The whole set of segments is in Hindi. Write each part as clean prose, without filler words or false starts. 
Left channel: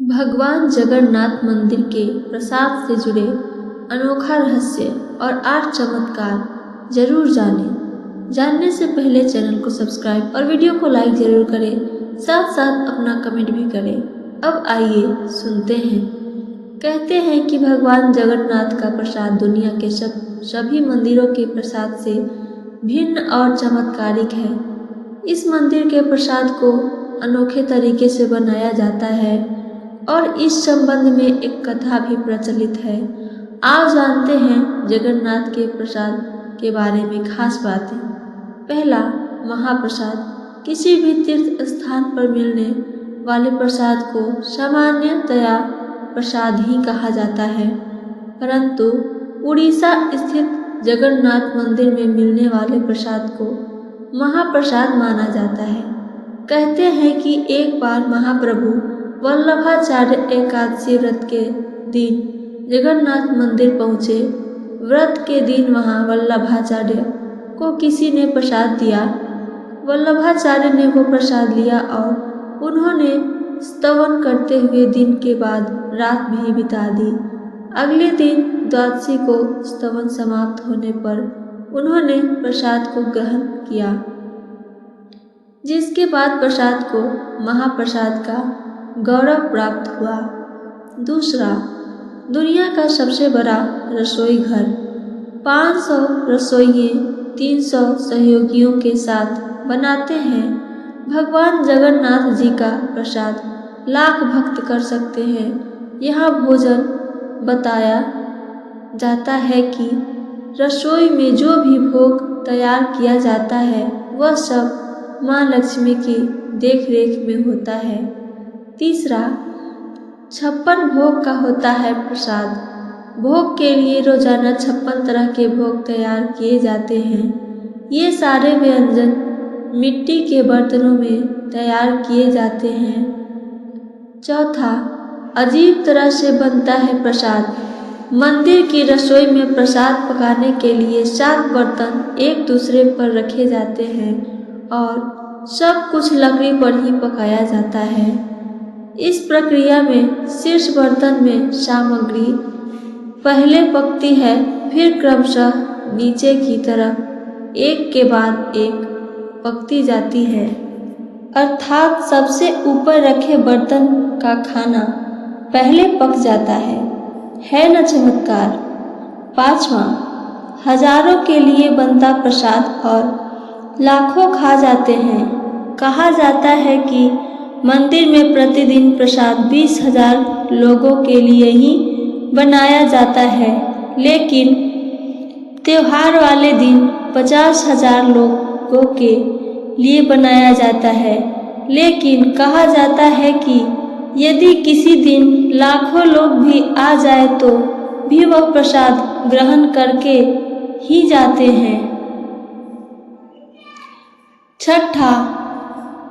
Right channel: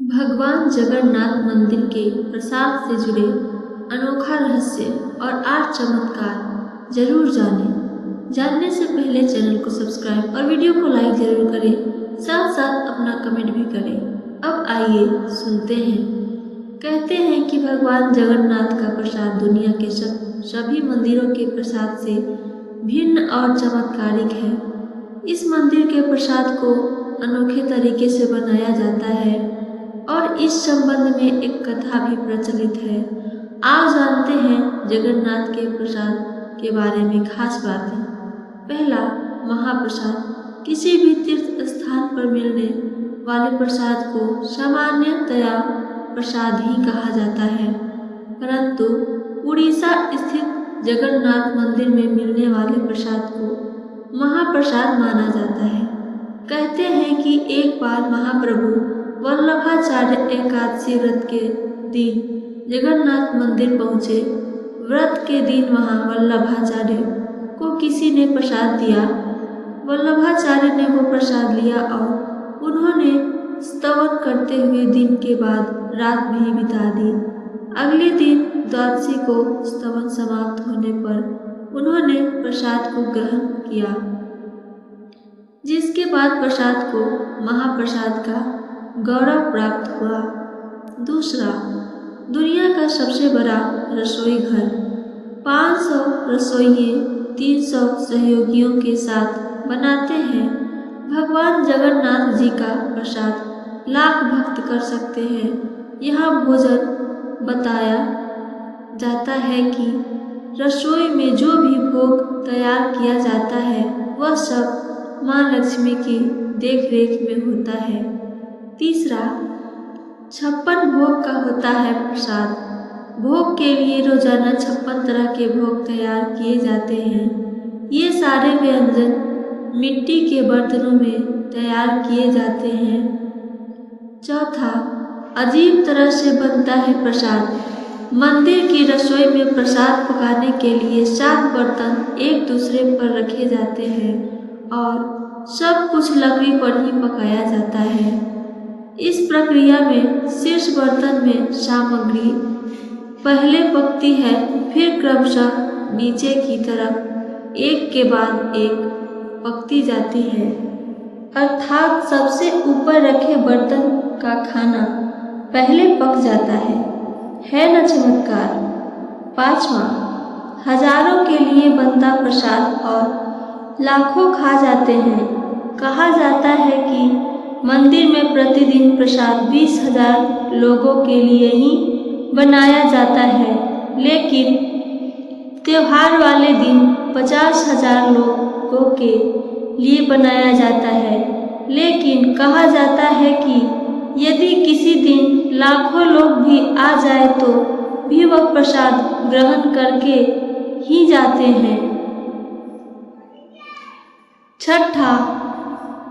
भगवान जगन्नाथ मंदिर के प्रसाद से जुड़े अनोखा रहस्य और 8 चमत्कार जरूर जानें। जानने से पहले चैनल को सब्सक्राइब और वीडियो को लाइक जरूर करें, साथ साथ अपना कमेंट भी करें। अब आइए सुनते हैं। कहते हैं कि भगवान जगन्नाथ का प्रसाद दुनिया के सभी मंदिरों के प्रसाद से भिन्न और चमत्कारिक है। इस मंदिर के प्रसाद को अनोखे तरीके से बनाया जाता है और इस संबंध में एक कथा भी प्रचलित है। आज जानते हैं जगन्नाथ के प्रसाद के बारे में खास बातें। पहला, महाप्रसाद। किसी भी तीर्थ स्थान पर मिलने वाले प्रसाद को सामान्यतया प्रसाद ही कहा जाता है, परंतु उड़ीसा स्थित जगन्नाथ मंदिर में मिलने वाले प्रसाद को महाप्रसाद माना जाता है। कहते हैं कि एक बार महाप्रभु वल्लभाचार्य एकादशी व्रत के दिन जगन्नाथ मंदिर पहुँचे। व्रत के दिन वहाँ वल्लभाचार्य को किसी ने प्रसाद दिया। वल्लभाचार्य ने वो प्रसाद लिया और उन्होंने स्तवन करते हुए दिन के बाद रात भी बिता दी। अगले दिन द्वादशी को स्तवन समाप्त होने पर उन्होंने प्रसाद को ग्रहण किया, जिसके बाद प्रसाद को महाप्रसाद का गौरव प्राप्त हुआ। दूसरा, दुनिया का सबसे बड़ा रसोई घर। 500 रसोइये 300 सहयोगियों के साथ बनाते हैं। भगवान जगन्नाथ जी का प्रसाद लाख भक्त कर सकते हैं। यह भोजन बताया जाता है कि रसोई में जो भी भोग तैयार किया जाता है वह सब माँ लक्ष्मी की देखरेख में होता है। तीसरा, 56 भोग का होता है प्रसाद। भोग के लिए रोजाना 56 तरह के भोग तैयार किए जाते हैं। ये सारे व्यंजन मिट्टी के बर्तनों में तैयार किए जाते हैं। चौथा, अजीब तरह से बनता है प्रसाद। मंदिर की रसोई में प्रसाद पकाने के लिए 7 बर्तन एक दूसरे पर रखे जाते हैं और सब कुछ लकड़ी पर ही पकाया जाता है। इस प्रक्रिया में शीर्ष बर्तन में सामग्री पहले पकती है, फिर क्रमशः नीचे की तरफ एक के बाद एक पकती जाती है, अर्थात सबसे ऊपर रखे बर्तन का खाना पहले पक जाता है न चमत्कार। पांचवा, हजारों के लिए बनता प्रसाद और लाखों खा जाते हैं। कहा जाता है कि मंदिर में प्रतिदिन प्रसाद 20,000 लोगों के लिए ही बनाया जाता है, लेकिन त्योहार वाले दिन 50,000 लोगों के लिए बनाया जाता है। लेकिन कहा जाता है कि यदि किसी दिन लाखों लोग भी आ जाए तो भी वह प्रसाद ग्रहण करके ही जाते हैं। छठा,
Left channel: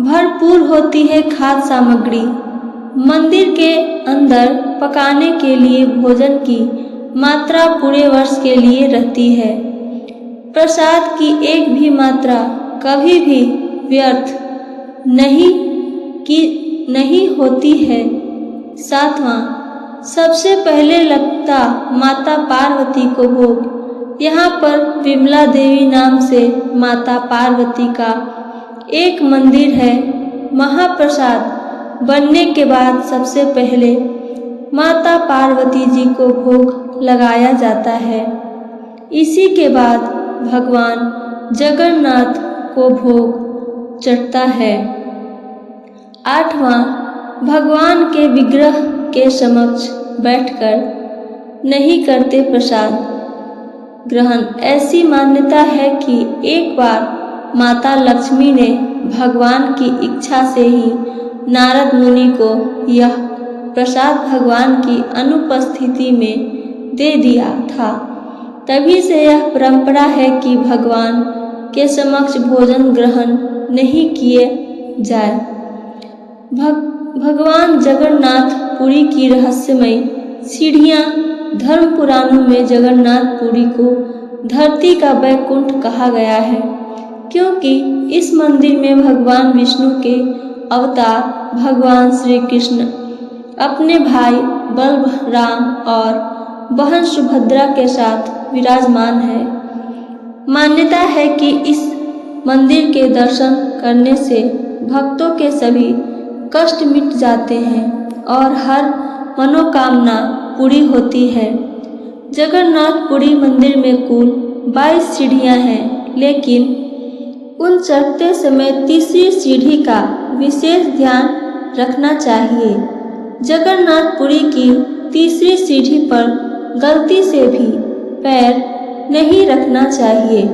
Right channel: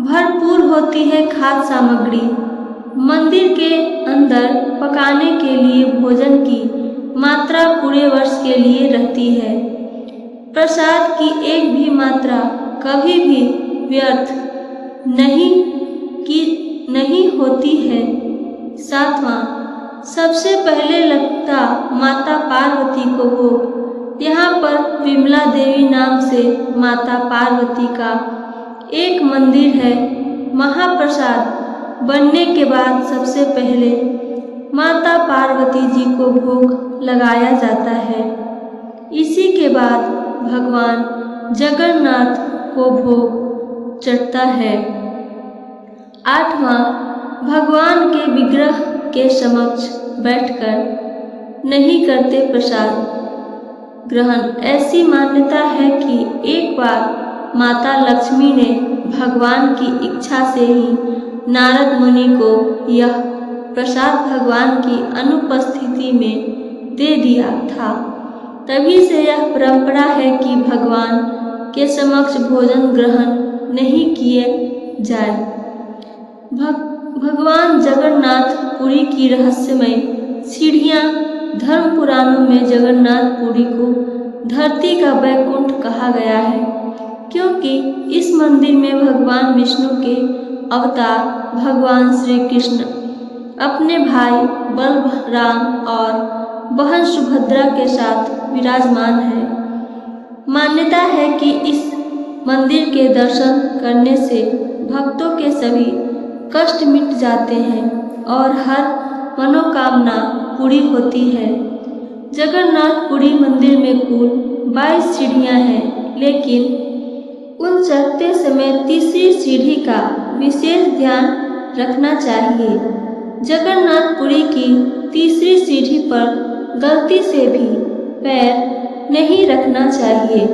भरपूर होती है खाद्य सामग्री। मंदिर के अंदर पकाने के लिए भोजन की मात्रा पूरे वर्ष के लिए रहती है। प्रसाद की एक भी मात्रा कभी भी व्यर्थ नहीं होती है। सातवां, सबसे पहले लगता माता पार्वती को भोग। यहाँ पर विमला देवी नाम से माता पार्वती का एक मंदिर है। महाप्रसाद बनने के बाद सबसे पहले माता पार्वती जी को भोग लगाया जाता है। इसी के बाद भगवान जगन्नाथ को भोग चढ़ता है। आठवां, भगवान के विग्रह के समक्ष बैठकर नहीं करते प्रसाद ग्रहण। ऐसी मान्यता है कि एक बार माता लक्ष्मी ने भगवान की इच्छा से ही नारद मुनि को यह प्रसाद भगवान की अनुपस्थिति में दे दिया था। तभी से यह परंपरा है कि भगवान के समक्ष भोजन ग्रहण नहीं किए जाए। भगवान जगन्नाथ पुरी की रहस्यमय सीढ़ियाँ। धर्म पुराणों में जगन्नाथ पुरी को धरती का वैकुंठ कहा गया है, क्योंकि इस मंदिर में भगवान विष्णु के अवतार भगवान श्री कृष्ण अपने भाई बलराम और बहन सुभद्रा के साथ विराजमान है। मान्यता है कि इस मंदिर के दर्शन करने से भक्तों के सभी कष्ट मिट जाते हैं और हर मनोकामना पूरी होती है। जगन्नाथपुरी मंदिर में कुल 22 सीढ़ियाँ हैं, लेकिन उन चढ़ते समय तीसरी सीढ़ी का विशेष ध्यान रखना चाहिए। जगन्नाथपुरी की तीसरी सीढ़ी पर गलती से भी पैर नहीं रखना चाहिए।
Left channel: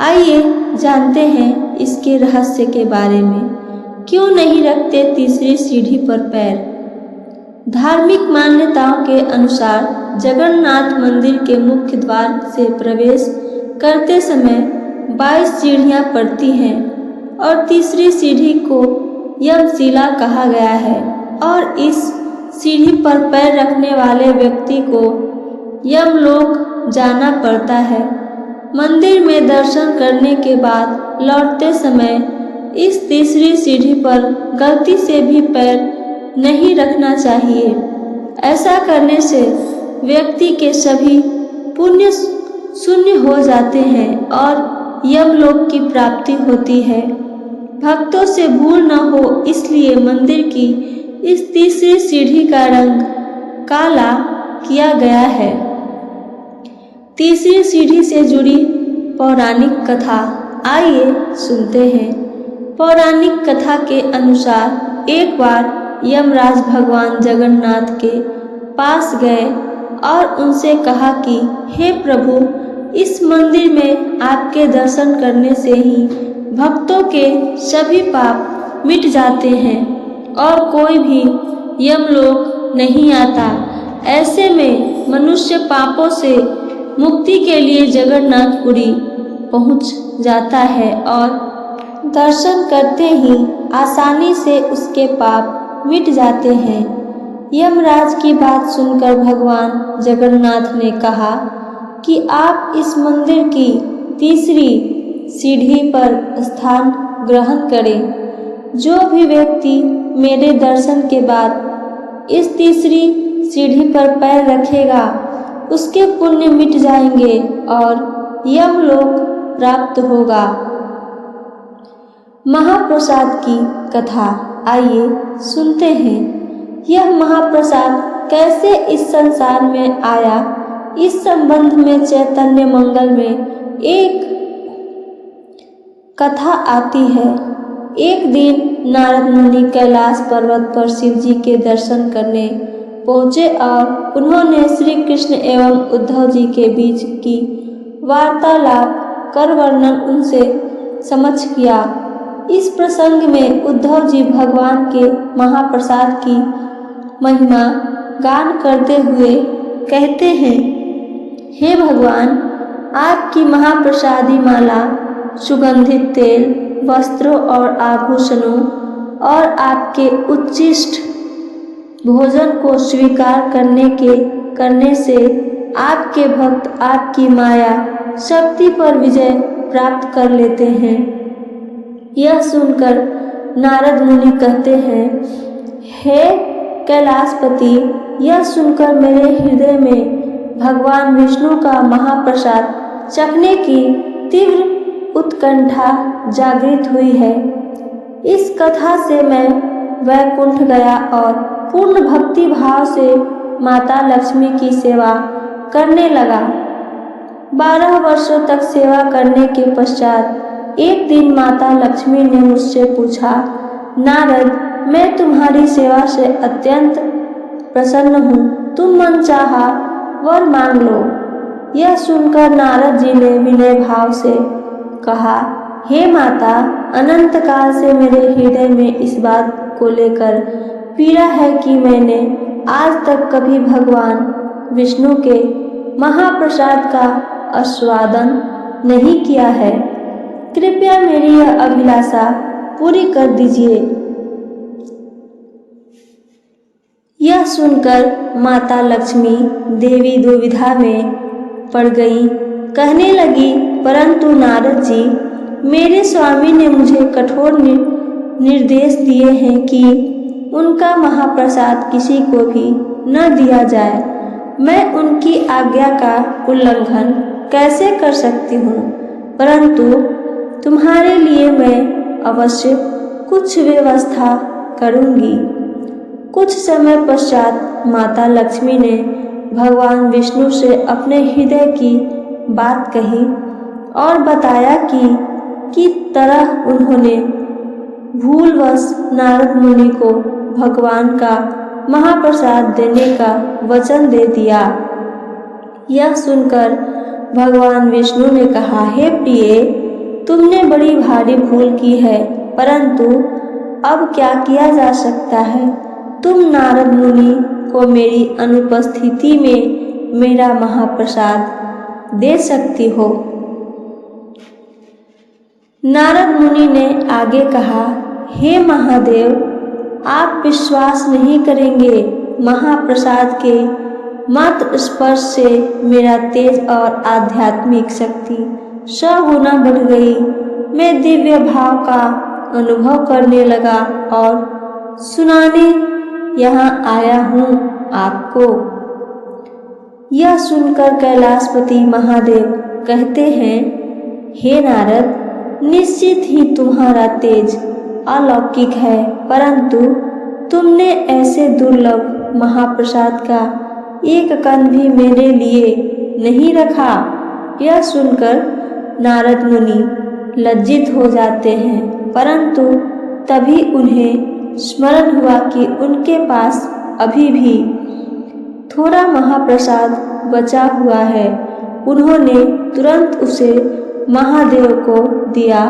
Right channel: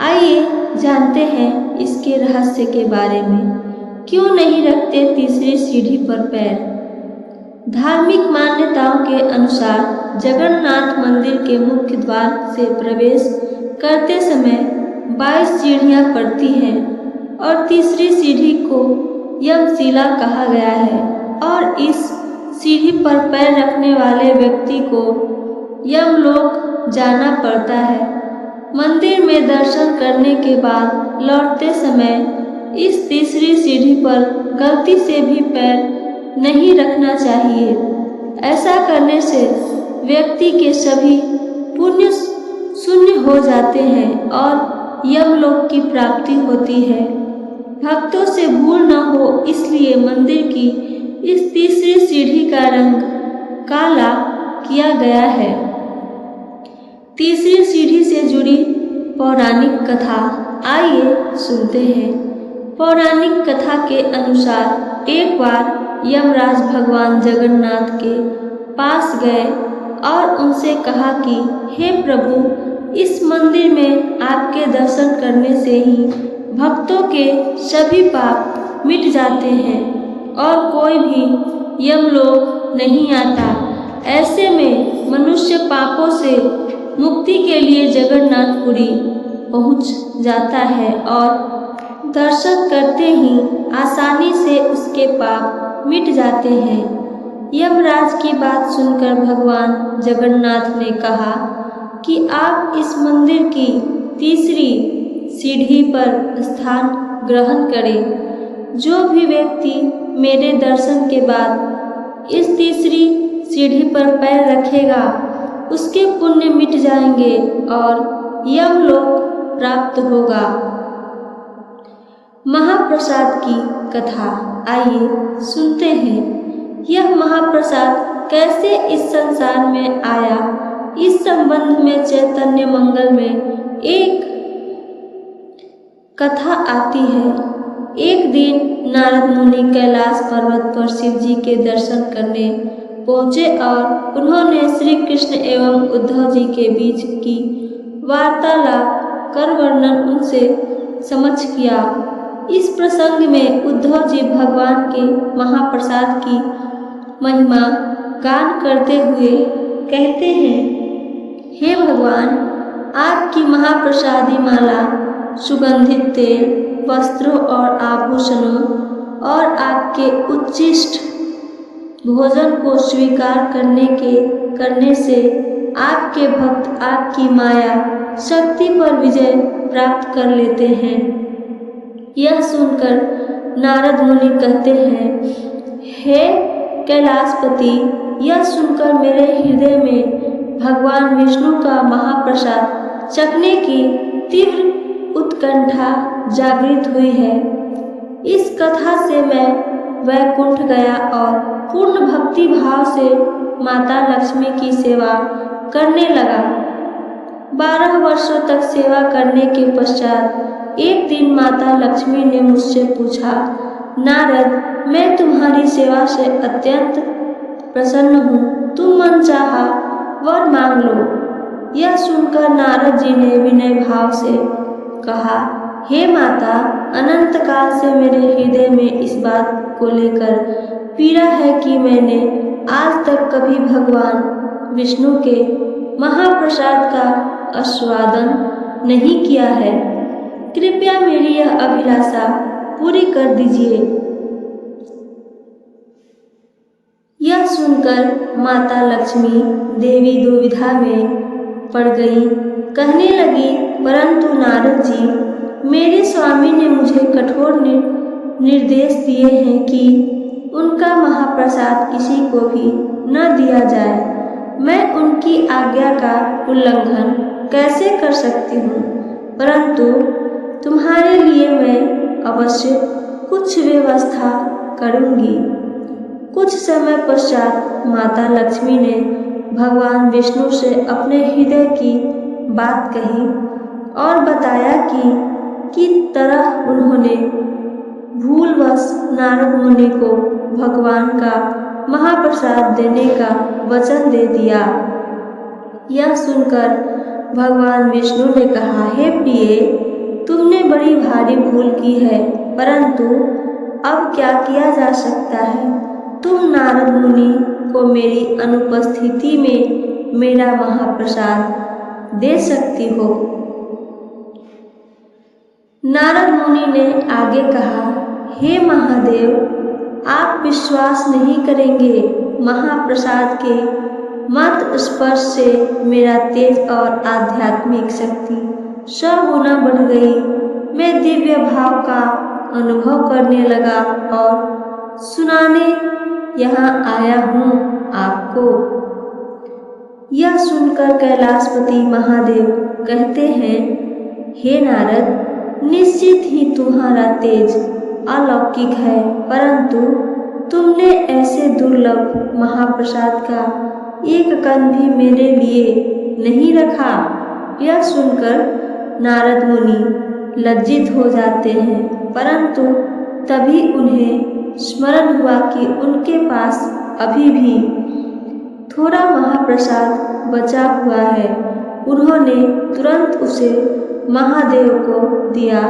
आइए जानते हैं इसके रहस्य के बारे में। क्यों नहीं रखते तीसरी सीढ़ी पर पैर? धार्मिक मान्यताओं के अनुसार जगन्नाथ मंदिर के मुख्य द्वार से प्रवेश करते समय 22 सीढ़ियाँ पड़ती हैं और तीसरी सीढ़ी को यमशिला कहा गया है और इस सीढ़ी पर पैर रखने वाले व्यक्ति को यमलोक जाना पड़ता है। मंदिर में दर्शन करने के बाद लौटते समय इस तीसरी सीढ़ी पर गलती से भी पैर नहीं रखना चाहिए। ऐसा करने से व्यक्ति के सभी पुण्य शून्य हो जाते हैं और यमलोक की प्राप्ति होती है। भक्तों से भूल न हो इसलिए मंदिर की इस तीसरी सीढ़ी का रंग काला किया गया है। तीसरी सीढ़ी से जुड़ी पौराणिक कथा आइए सुनते हैं। पौराणिक कथा के अनुसार एक बार यमराज भगवान जगन्नाथ के पास गए और उनसे कहा कि हे प्रभु, इस मंदिर में आपके दर्शन करने से ही भक्तों के सभी पाप मिट जाते हैं और कोई भी यमलोक नहीं आता। ऐसे में मनुष्य पापों से मुक्ति के लिए जगन्नाथपुरी पहुंच जाता है और दर्शन करते ही आसानी से उसके पाप मिट जाते हैं। यमराज की बात सुनकर भगवान जगन्नाथ ने कहा कि आप इस मंदिर की तीसरी सीढ़ी पर स्थान ग्रहण करें। जो भी व्यक्ति मेरे दर्शन के बाद इस तीसरी सीढ़ी पर पैर रखेगा उसके पुण्य मिट जाएंगे और यमलोक प्राप्त होगा। महाप्रसाद की कथा आइए सुनते हैं। यह महाप्रसाद कैसे इस संसार में आया, इस संबंध में चैतन्य मंगल में एक कथा आती है। एक दिन नारद मुनि कैलाश पर्वत पर शिव जी के दर्शन करने पहुँचे और उन्होंने श्री कृष्ण एवं उद्धव जी के बीच की वार्तालाप कर वर्णन उनसे समक्ष किया। इस प्रसंग में उद्धव जी भगवान के महाप्रसाद की महिमा गान करते हुए कहते हैं, हे भगवान, आपकी महाप्रसादी माला, सुगंधित तेल, वस्त्रों और आभूषणों और आपके उच्छिष्ट भोजन को स्वीकार करने से आपके भक्त आपकी माया शक्ति पर विजय प्राप्त कर लेते हैं। यह सुनकर नारद मुनि कहते हैं, हे कैलाशपति, यह सुनकर मेरे हृदय में भगवान विष्णु का महाप्रसाद चखने की तीव्र उत्कंठा जागृत हुई है। इस कथा से मैं वैकुंठ गया और पूर्ण भक्ति भाव से माता लक्ष्मी की सेवा करने लगा। 12 वर्षों तक सेवा करने के पश्चात एक दिन माता लक्ष्मी ने मुझसे पूछा, नारद, मैं तुम्हारी सेवा से अत्यंत प्रसन्न हूँ, तुम मनचाहा वर मांग लो। यह सुनकर नारद जी ने विनय भाव से कहा, हे माता, अनंत काल से मेरे हृदय में इस बात को लेकर पीड़ा है कि मैंने आज तक कभी भगवान विष्णु के महाप्रसाद का आस्वादन नहीं किया है। कृपया मेरी यह अभिलाषा पूरी कर दीजिए। यह सुनकर माता लक्ष्मी देवी दुविधा में पड़ गई। कहने लगी, परंतु नारद जी, मेरे स्वामी ने मुझे कठोर निर्देश दिए हैं कि उनका महाप्रसाद किसी को भी न दिया जाए। मैं उनकी आज्ञा का उल्लंघन कैसे कर सकती हूँ, परंतु तुम्हारे लिए मैं अवश्य कुछ व्यवस्था करूँगी। कुछ समय पश्चात माता लक्ष्मी ने भगवान विष्णु से अपने हृदय की बात कही और बताया कि तरह उन्होंने भूलवश नारद मुनि को भगवान का महाप्रसाद देने का वचन दे दिया। यह सुनकर भगवान विष्णु ने कहा, हे प्रिय, तुमने बड़ी भारी भूल की है, परंतु अब क्या किया जा सकता है। तुम नारद मुनि को मेरी अनुपस्थिति में मेरा महाप्रसाद दे सकती हो। नारद मुनि ने आगे कहा, हे महादेव, आप विश्वास नहीं करेंगे, महाप्रसाद के मात्र स्पर्श से मेरा तेज और आध्यात्मिक शक्ति 100 गुना बढ़ गई। मैं दिव्य भाव का अनुभव करने लगा और सुनाने यहाँ आया हूँ आपको। यह सुनकर कैलाशपति महादेव कहते हैं, हे नारद, निश्चित ही तुम्हारा तेज अलौकिक है, परंतु तुमने ऐसे दुर्लभ महाप्रसाद का एक कण भी मेरे लिए नहीं रखा। यह सुनकर नारद मुनि लज्जित हो जाते हैं, परंतु तभी उन्हें स्मरण हुआ कि उनके पास अभी भी थोड़ा महाप्रसाद बचा हुआ है। उन्होंने तुरंत उसे महादेव को दिया,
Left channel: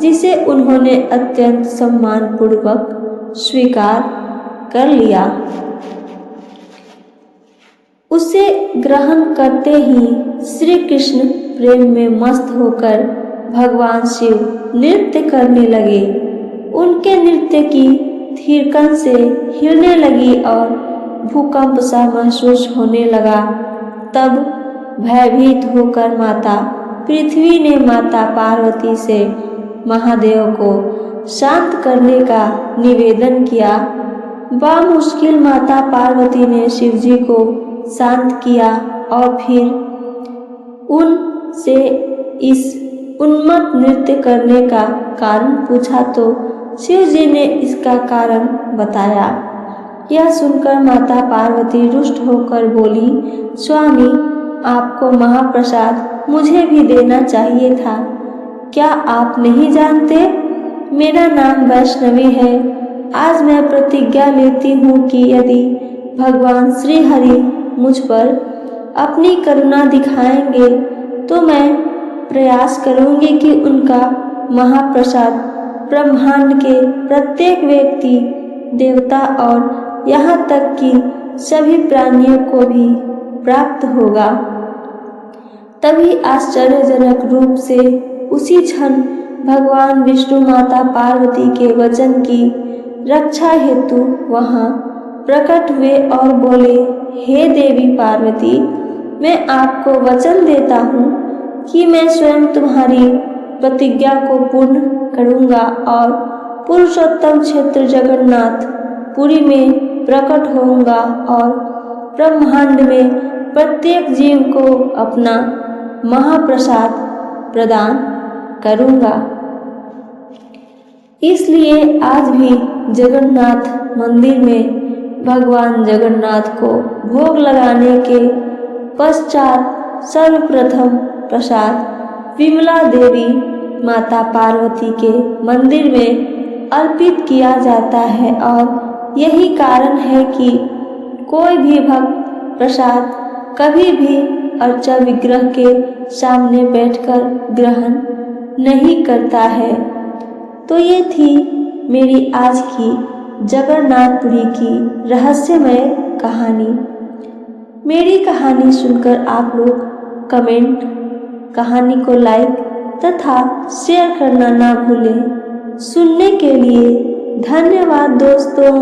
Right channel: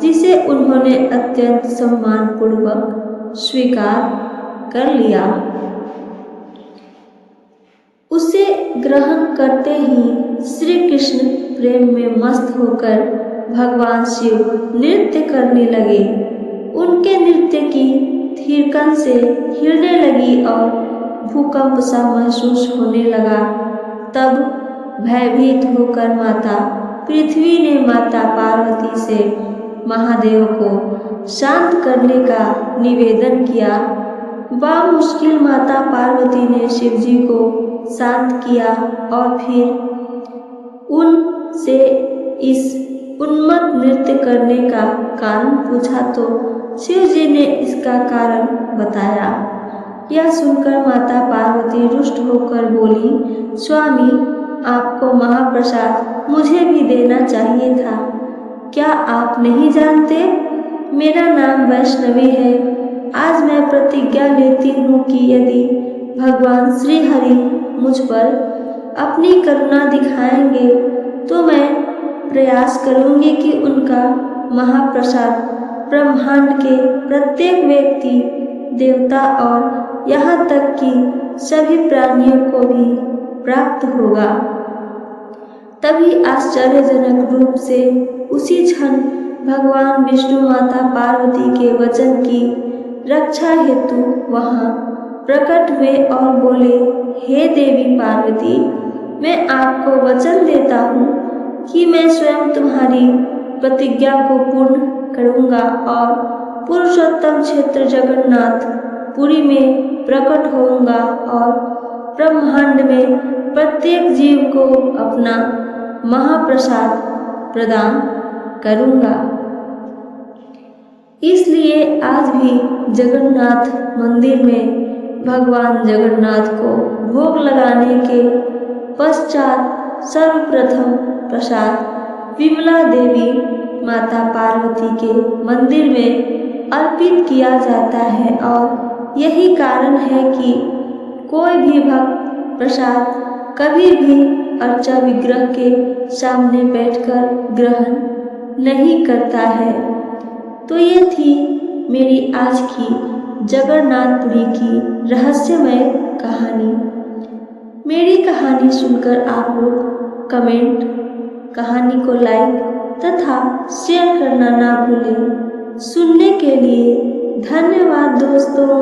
जिसे उन्होंने अत्यंत सम्मानपूर्वक स्वीकार कर लिया। उसे ग्रहण करते ही श्री कृष्ण प्रेम में मस्त होकर भगवान शिव नृत्य करने लगे। उनके नृत्य की थिरकन से हिलने लगी और भूकंप सा महसूस होने लगा। तब भयभीत होकर माता पृथ्वी ने माता पार्वती से महादेव को शांत करने का निवेदन किया। बामुश्किल माता पार्वती ने शिवजी को शांत किया और फिर उनसे इस उन्मत्त नृत्य करने का कारण पूछा तो शिवजी ने इसका कारण बताया। यह सुनकर माता पार्वती रुष्ट होकर बोली, स्वामी, आपको महाप्रसाद मुझे भी देना चाहिए था। क्या आप नहीं जानते, मेरा नाम वैष्णवी है। आज मैं प्रतिज्ञा लेती हूँ कि यदि भगवान श्री हरि मुझ पर अपनी करुणा दिखाएंगे तो मैं प्रयास करूँगी कि उनका महाप्रसाद ब्रह्मांड के प्रत्येक व्यक्ति, देवता और यहाँ तक कि सभी प्राणियों को भी प्राप्त होगा। तभी आश्चर्यजनक रूप से उसी क्षण भगवान विष्णु माता पार्वती के वचन की रक्षा हेतु वहाँ प्रकट हुए और बोले, हे देवी पार्वती, मैं आपको वचन देता हूँ कि मैं स्वयं तुम्हारी प्रतिज्ञा को पूर्ण करूँगा और पुरुषोत्तम क्षेत्र जगन्नाथ पुरी में प्रकट होऊंगा और ब्रह्मांड में प्रत्येक जीव को अपना महाप्रसाद प्रदान करूँगा। इसलिए आज भी जगन्नाथ मंदिर में भगवान जगन्नाथ को भोग लगाने के पश्चात सर्वप्रथम प्रसाद विमला देवी माता पार्वती के मंदिर में अर्पित किया जाता है और यही कारण है कि कोई भी भक्त प्रसाद कभी भी अर्चा विग्रह के सामने बैठकर ग्रहण नहीं करता है। तो ये थी मेरी आज की जगन्नाथपुरी की रहस्यमय कहानी। मेरी कहानी सुनकर आप लोग कमेंट, कहानी को लाइक तथा शेयर करना ना भूलें। सुनने के लिए धन्यवाद दोस्तों।